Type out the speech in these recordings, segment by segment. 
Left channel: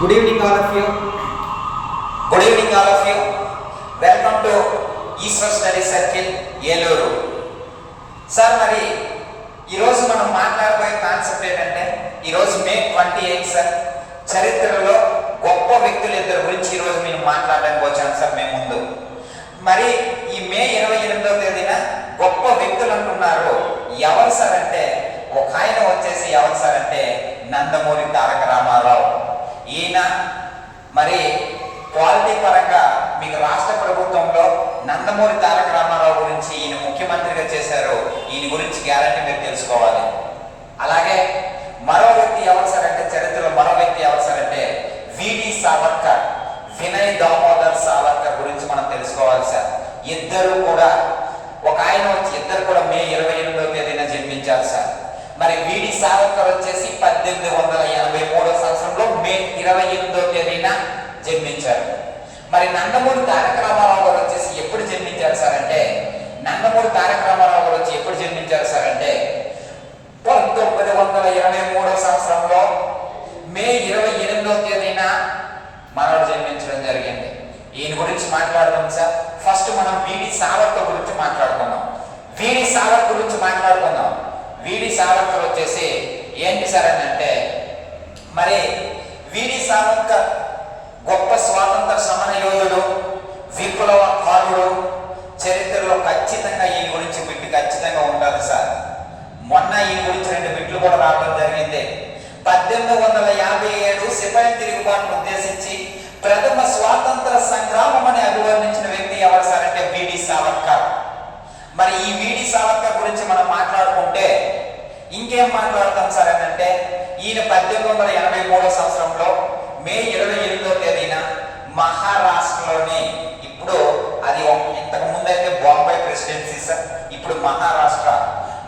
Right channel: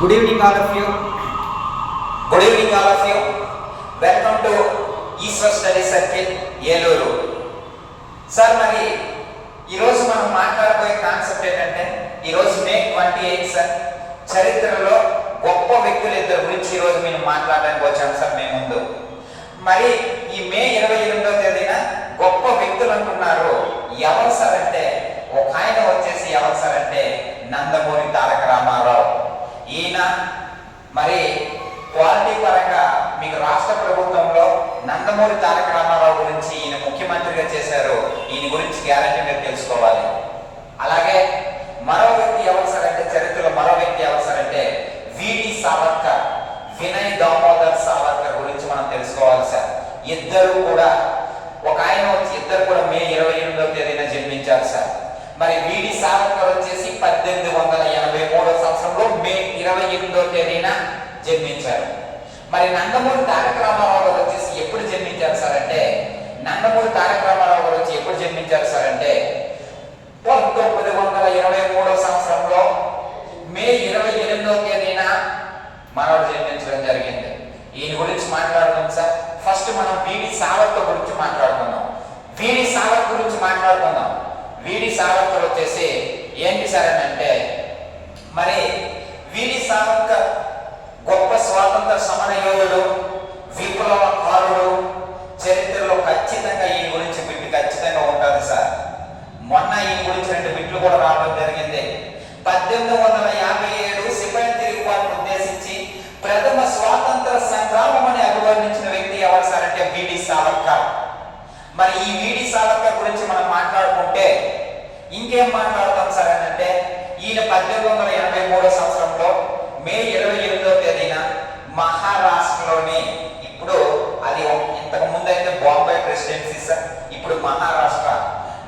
Good evening all of you. Good evening all of you. Welcome to Eastern Study Circle, Yelloru. Sir మరి ఈరోజు మనం మాట్లాడబోయే concept ఏంటంటే ఈరోజు మే 28 sir చరిత్రలో గొప్ప వ్యక్తులు ఇద్దరు గురించి ఈరోజు నేను మాట్లాడడానికి వచ్చాను సార్ మేము ముందు. మరి ఈ మే 28వ తేదీన గొప్ప వ్యక్తులు అంటున్నారు. ఎవరు సార్ అంటే ఒక ఆయన వచ్చేసి ఎవరు సార్ అంటే నందమూరి తారక రామారావు. ఈయన మరి క్వాలిటీ పరంగా మీకు రాష్ట్ర ప్రభుత్వంలో నందమూరి తారక రామారావు గురించి ఈయన ముఖ్యమంత్రిగా చేశారు. ఈయన గురించి గ్యారంటీ మీరు తెలుసుకోవాలి. అలాగే మరో వ్యక్తి ఎవరు సార్ అంటే చరిత్రలో మరో వ్యక్తి ఎవరు సార్ అంటే విడి సావర్కర్, వినయ్ దామోదర్ సావర్కర్ గురించి మనం తెలుసుకోవాలి సార్. ఇద్దరు కూడా ఇద్దరు కూడా మే 28వ తేదీన జన్మించారు సార్. మరి విడి సావర్కర్ వచ్చేసి 1883 సంవత్సరంలో మే 28వ తేదీన జన్మించారు. మరి నందమూరి తారక రామారావు గారు వచ్చేసి ఎప్పుడు జన్మించారు సార్ అంటే నందమూరి తారక రామారావు గారు వచ్చి ఎప్పుడు జన్మించారు సార్ అంటే 1923 సంవత్సరంలో మే 28వ తేదీన మనవడు జన్మించడం జరిగింది. ఈయన గురించి మాట్లాడుకుందాం సార్. ఫస్ట్ మనం విడి సావర్కర్ గురించి మాట్లాడుకుందాం. విడి సావర్కర్ గురించి మాట్లాడుకుందాం. విడి సావర్కర్ వచ్చేసి ఏంటి సార్ అని అంటే మరి విడి సావర్కర్ గొప్ప స్వాతంత్ర సమర యోధుడు, విప్లవకారుడు. చరిత్రలో ఖచ్చితంగా ఈయన గురించి బిట్టు ఖచ్చితంగా ఉంటుంది సార్. మొన్న ఈయన గురించి 2 బిట్లు కూడా రావడం జరిగింది. 1857 సిపాయి తిరుగుబాటును ఉద్దేశించి ప్రథమ స్వాతంత్ర సంగ్రామం అని అభివర్ణించిన వ్యక్తి ఎవరు సార్ అంటే విడి సావర్కర్. మరి ఈ విడి సావర్కర్ గురించి మనం మాట్లాడుకుంటే ఇంకేం మాట్లాడతాం సార్ అని అంటే ఈయన 1883 సంవత్సరంలో మే 28వ తేదీన మహారాష్ట్రలోని, ఇప్పుడు అది ఇంతకు ముందు అయితే బాంబే ప్రెసిడెన్సీ సార్, ఇప్పుడు మహారాష్ట్ర.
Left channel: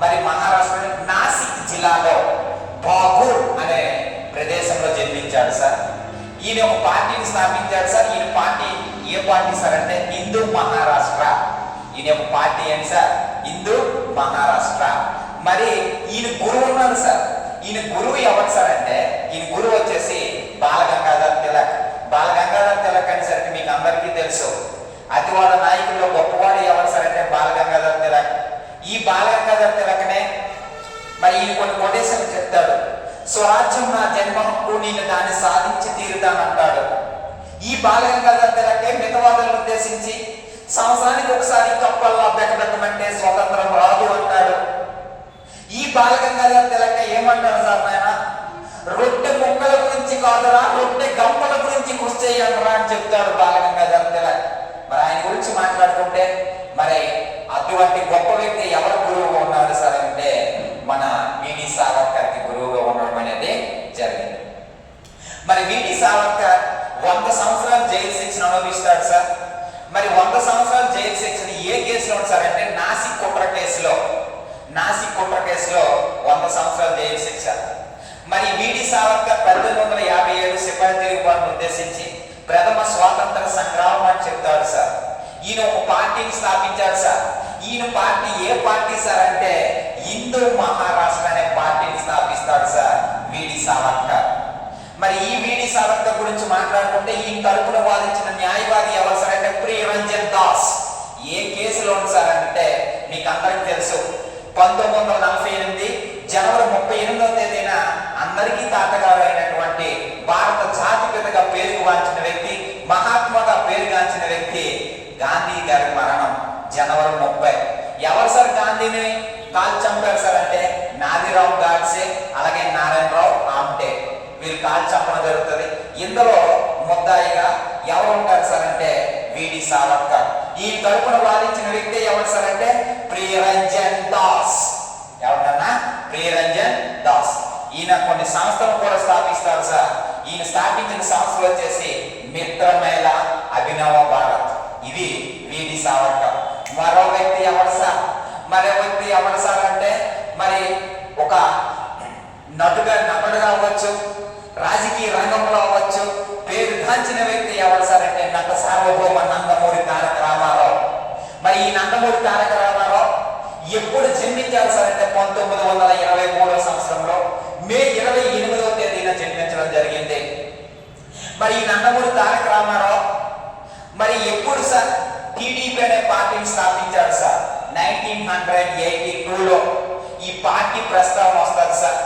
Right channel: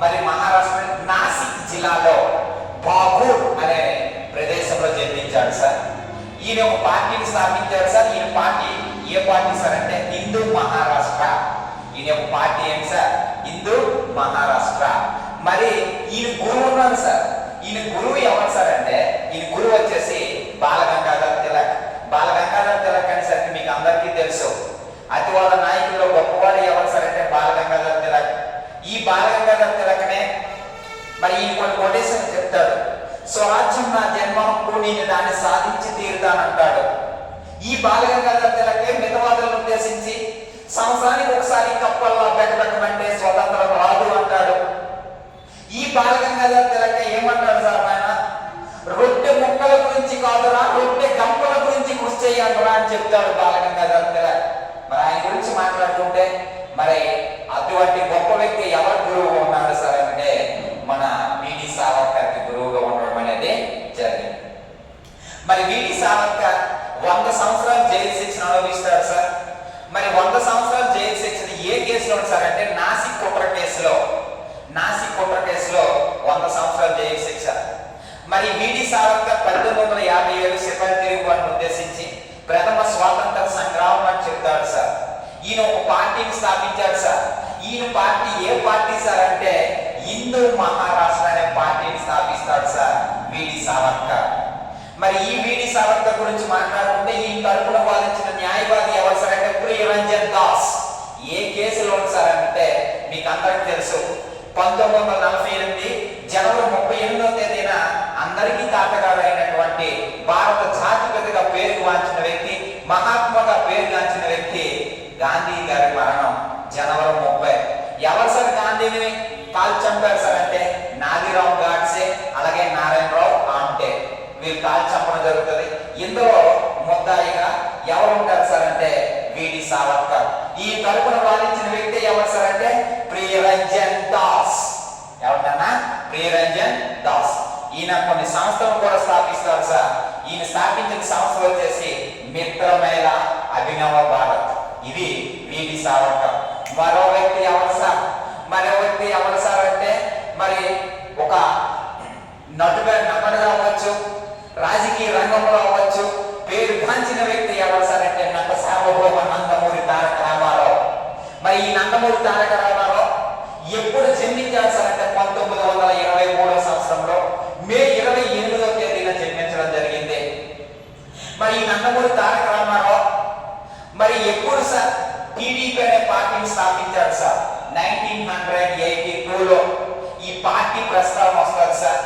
మరి మహారాష్ట్రలోని నాసిక్ జిల్లాలో బాగూర్ అనే ప్రదేశంలో జన్మించాడు సార్. ఈయన ఒక పార్టీని స్థాపించాడు సార్. ఈయన పార్టీ ఏ పార్టీ సార్ అంటే హిందూ మహారాష్ట్ర. ఈయన ఒక పార్టీ ఏంటి సార్? హిందూ మహారాష్ట్ర. మరి ఈయన గురువు ఉన్నారు సార్. ఈయన గురువు ఎవరు సార్ అంటే ఈయన గురువు వచ్చేసి బాలగంగాధర్ తిలక్. బాలగంగాధర్ తిలక్ అనేసరికి మీకు అందరికీ తెలుసు. అతివాద నాయకుల్లో గొప్పవాడు ఎవరు సార్ అంటే బాలగంగాధర్ తిలక్. ఈ బాలగంగాధర్ తిలక్నే మరి ఈయన కొన్ని కొటేషన్లు చెప్తాడు. స్వరాజ్యం నా జన్మ హక్కు, నేను దాన్ని సాధించి తీరుతానంటాడు. ఈ బాలగంగాధర్ తిలకే మితవాదులను ఉద్దేశించి సంవత్సరానికి ఒకసారి కప్పల్లా బెకబెక్కమంటే స్వతంత్రం రాదు అంటాడు. ఈ బాలగంగాధర్ తిలక ఏమంటాడు సార్ ఆయన? రొట్టె ముక్కల గురించి కాదురా, రొట్టె గంపల గురించి కృషి చేయండిరా అని చెప్తాడు బాలగంగాధర్ తిలక్. మరి ఆయన గురించి మాట్లాడుకుంటే మరి అటువంటి గొప్ప వ్యక్తి ఎవరు గురువుగా ఉన్నారు సార్ అంటే మన విడి సావర్కర్కి గురువుగా ఉండడం అనేది జరిగింది. మరి విడి సావర్కర్ 100 సంవత్సరాలు జైలు శిక్షణ అనుభవిస్తాడు సార్. మరి 100 సంవత్సరాలు జైలు శిక్షణ ఏ కేసులో సార్ అంటే నాసిక్ కుట్ర కేసులో 100 సంవత్సరాలు జైలు శిక్ష. మరి విడి సావర్కర్ 1857 సిపాయి తిరుగుబాటును ఉద్దేశించి ప్రథమ స్వాతంత్ర సంగ్రామం అని చెప్తాడు సార్. ఈయన ఒక పార్టీని స్థాపించాడు సార్. ఈయన పార్టీ ఏ పార్టీ సార్ అంటే హిందూ మహారాష్ట్ర అనే పార్టీని స్థాపిస్తాడు సార్ విడి సావర్కర్. మరి ఈ విడి సావర్కర్ గురించి మాట్లాడుకుంటే ఈయన తరపున వాదించిన న్యాయవాది ఎవరు సార్ అంటే ప్రియరంజన్ దాస్. ఏ కేసులో సార్ అంటే మీకు అందరికి తెలుసు. 1948 జనవరి 38వ తేదీన అందరికీ తాతగారు అయినటువంటి భారత జాతిపితగా పేరుగాంచిన వ్యక్తి, మహాత్మాగా పేరుగాంచిన వ్యక్తి గాంధీ గారి మరణం జనవరి 30. ఎవరు సార్ గాంధీని కాల్చి చంపారు సార్ అంటే నాదిరావు గాడ్సే, అలాగే నారాయణరావు ఆమ్టే. వీళ్ళు కాల్చి చంపడం జరుగుతుంది. ఇందులో ముద్దాయిగా ఎవరు ఉంటారు సార్ అంటే విడి సావర్కర్. ఈ తరపున వాదించిన వ్యక్తి ఎవరు సార్ అంటే ప్రియరంజన్ దాస్. ఎవరన్నా? ప్రియరంజన్ దాస్. ఈయన కొన్ని సంస్థలు కూడా స్థాపిస్తారు సార్. ఈయన స్థాపించిన సంస్థలు వచ్చేసి మిత్రమేళ, అభినవ భారత్. ఇవి విడి సావర్కర్. మరో వ్యక్తి ఎవరు సార్ అంటే మరి ఒక నటుడుగా అవ్వచ్చు, రాజకీయ రంగంలో అవ్వచ్చు, పేరు గాంచిన వ్యక్తి ఎవరు సార్ అంటే నట సార్వభౌమ నందమూరి తారక రామారావు. మరి ఈ నందమూరి తారక రామారావు ఎప్పుడు జన్మించారు సార్ అంటే 1923 సంవత్సరంలో మే 28వ తేదీన జన్మించడం జరిగింది. మరి ఈ నందమూరి తారక రామారావు మరి ఎప్పుడు సార్ టీడీపీ అనే పార్టీని స్థాపించాడు సార్? 1982లో ఈ పార్టీ ప్రస్తావన వస్తుంది సార్.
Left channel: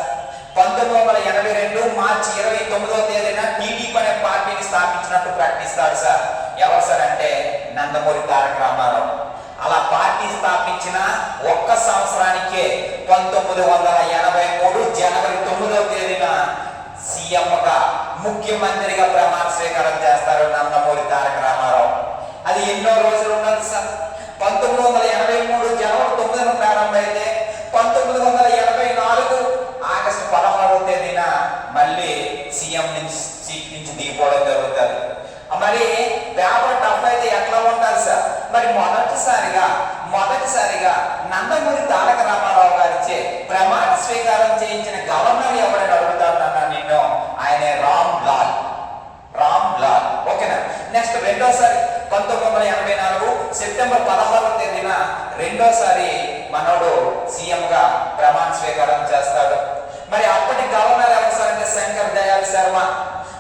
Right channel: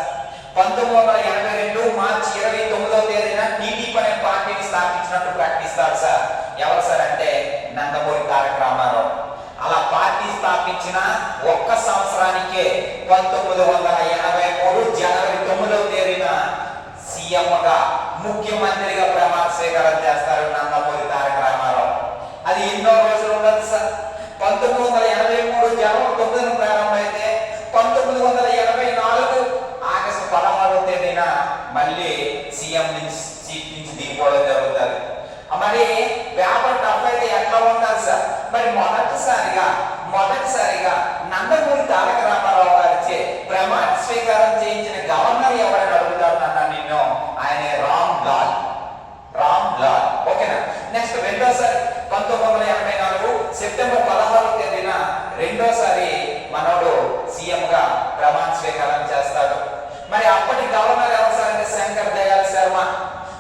1982 మార్చి 29వ తేదీన టీడీపీ అనే పార్టీని స్థాపించినట్టు ప్రకటిస్తాడు సార్. ఎవరు సార్ అంటే నందమూరి తారక రామారావు. అలా పార్టీ స్థాపించిన ఒక్క సంవత్సరానికే 1983 జనవరి 9వ తేదీన సీఎంగా ముఖ్యమంత్రిగా ప్రమాణ స్వీకారం చేస్తారు నందమూరి తారక రామారావు. అది ఎన్నో రోజులు ఉండదు సార్. 1983 జనవరి 9న ప్రారంభమైతే 1984 ఆగస్టు 16వ తేదీన మళ్ళీ సీఎం నుంచి సీట్ నుంచి దిగిపోవడం జరుగుతుంది. మరి పేపర్ టఫ్ అయితే ఎట్లా ఉంటుంది సార్? మరి మొదటిసారిగా నందమూరి తారక రామారావు గారిచే ప్రమాణ స్వీకారం చేయించిన గవర్నర్ ఎవరైనా అడుగుతాడు నిన్ను, ఆయనే రామ్ లాల్. ఓకేనా? నెక్స్ట్ రెండోసారి 1984 సెప్టెంబర్ 16వ తేదీన రెండోసారి మనోడు సీఎం గా ప్రమాణ స్వీకారం చేస్తాడు. మరి అప్పటి గవర్నర్ ఎవరు సార్ అంటే శంకర్ దయాళ్ శర్మ.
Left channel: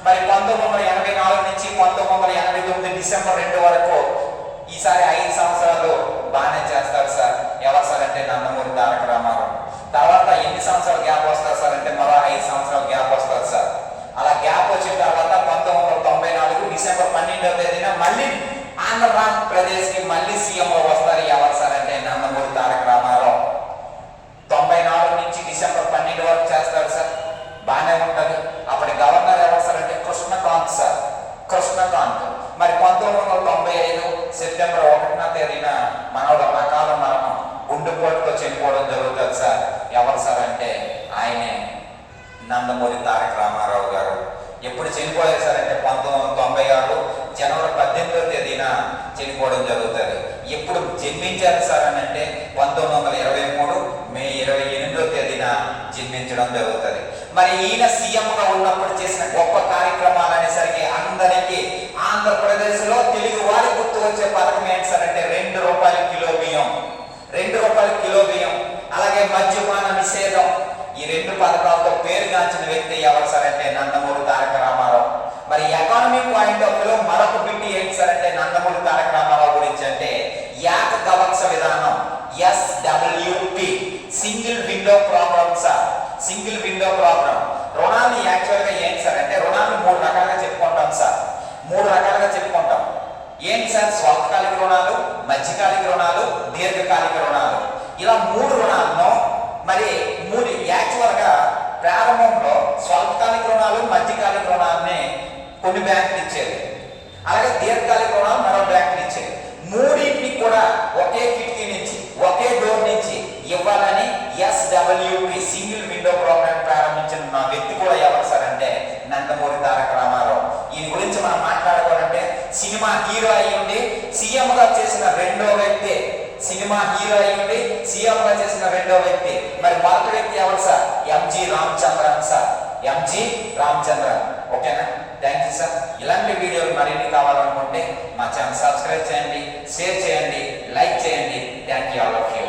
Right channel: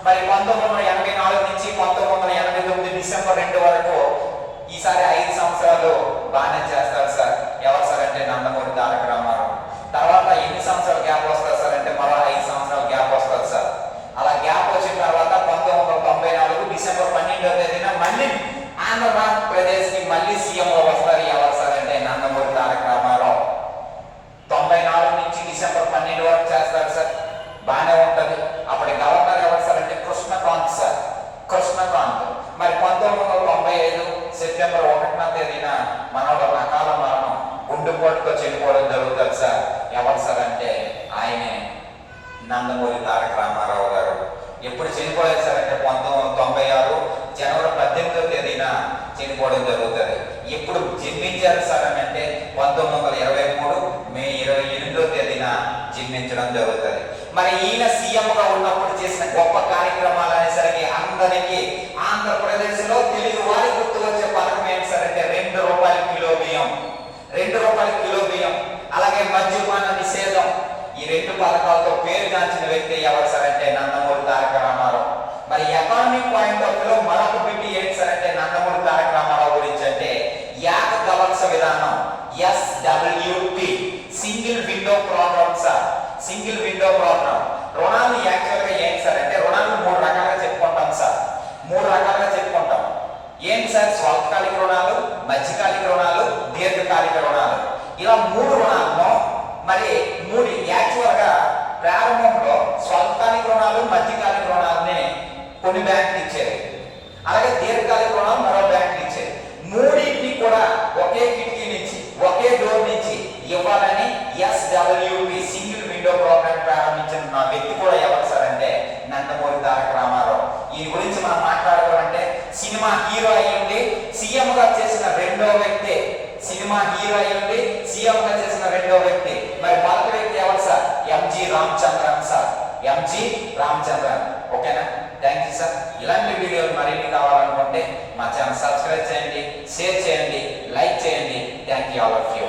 మరి 1984 నుంచి 1989 డిసెంబర్ 2 వరకు ఈసారి 5 సంవత్సరాలు బాగానే చేస్తాడు సార్. ఎవరు సార్ అంటే నందమూరి తారక రామారావు. తర్వాత ఎన్ని సంవత్సరాలు గ్యాప్ వస్తుంది సార్ అంటే మరో 5 సంవత్సరాలు గ్యాప్ వస్తుంది సార్. అలా గ్యాప్ వచ్చిన తర్వాత 1994 డిసెంబర్ 12వ తేదీన మళ్ళీ ఆంధ్రప్రదేశ్ కి మళ్ళీ సీఎం వస్తారు. ఎవరు సార్ అంటే నందమూరి తారక రామారావు. 94 నుంచి డిసెంబర్ 12 వరకు చేస్తారు సార్. బాగానే ఉంటది. అప్పటి గవర్నర్ ఎవరు సార్ అంటే కృష్ణకాంత్ సార్. మరి 1995 సెప్టెంబర్ 1వ తేదీన మనోడు రకాల మరణం గుండెపోటుతో చనిపోవడం జరుగుతుంది సార్. ఎవరు సార్ అంటే ఆయనే నందమూరి తారక రామారావు గారు. ఎప్పుడు చనిపోయారు సార్ అంటే 1996 జనవరి 18వ తేదీన చనిపోవడం జరుగుతుంది. ఎప్పుడు జన్మించారు సార్ అని అంటే 1923 మే 28వ తేదీన జన్మించడం జరుగుతుంది. మరి ఈయన సీఎంగా ఉన్నప్పుడు చేసిన గొప్ప కార్యక్రమాలు అనేసరికి అందరికీ ఆంధ్రప్రదేశ్ లో తెలుగు వారి గుర్తు వచ్చే పథకం ఏంటి సార్ అంటే 2 రూపాయల కిలో బియ్యం, అలాగే మద్యపాన నిషేధం. ఈ 2 పథకాలతో పేరుగాంచిన వ్యక్తి ఎవరు సార్ అంటే నందమూరి తారక రామారావు. మరి ఎకానమిక్ పాయింట్ ఆఫ్ వ్యూలో మరొక బిట్టి ఏంటి సార్ అంటే నందమూరి తారక రామారావు గురించి అంటే ఏకగవత్స విధానం, SWP, single window program sir. రుణాలు యాక్చువల్ గా ఏంటి సార్ అంటే రుణాలు 3 రకాలుగా చెప్పుకుంటాం సార్. ఏంటి సార్? స్వల్పకాలిక రుణాలు, మధ్యకాలిక రుణాలు, దీర్ఘకాలిక రుణాలు. ఇలా 3 రుణాలను మరి యాక్చువల్ గా ప్రారంభంలో స్వల్పకాలిక రుణాలు, మధ్యకాలిక రుణాలని కొన్ని బ్యాంకులు ఇచ్చేది, అలాగే దీర్ఘకాలిక రుణాలు మరో బ్యాంకులు ఇచ్చేది. మూడింటిని కూడా ఒకే కిటికీ నుంచి ఒకే డోర్ నుంచి ఇవ్వాలని SWP సింగిల్ విండో ప్రోగ్రామ్ ప్రారంభించిన నా వ్యక్తి కూడా ఎవరు సార్ అంటే నందమూరి తారక రామారావు. ఈయన గురించి మనం మాట్లాడుకోవాలంటే సినిమా హీరో అయ్యింది సీఎం గా చేసిన రెండో వ్యక్తి. మరి మొదటి వ్యక్తి ఎవరు సార్? MG రామచంద్రన్. ఓకేనా? Thank you sir. ఇలాంటి వీడియోలు మరిన్ని కావాలనుకుంటే మా ఛానల్ సబ్స్క్రైబ్ చేయండి, షేర్ చేయండి, లైక్ చేయండి. Thank you all of you.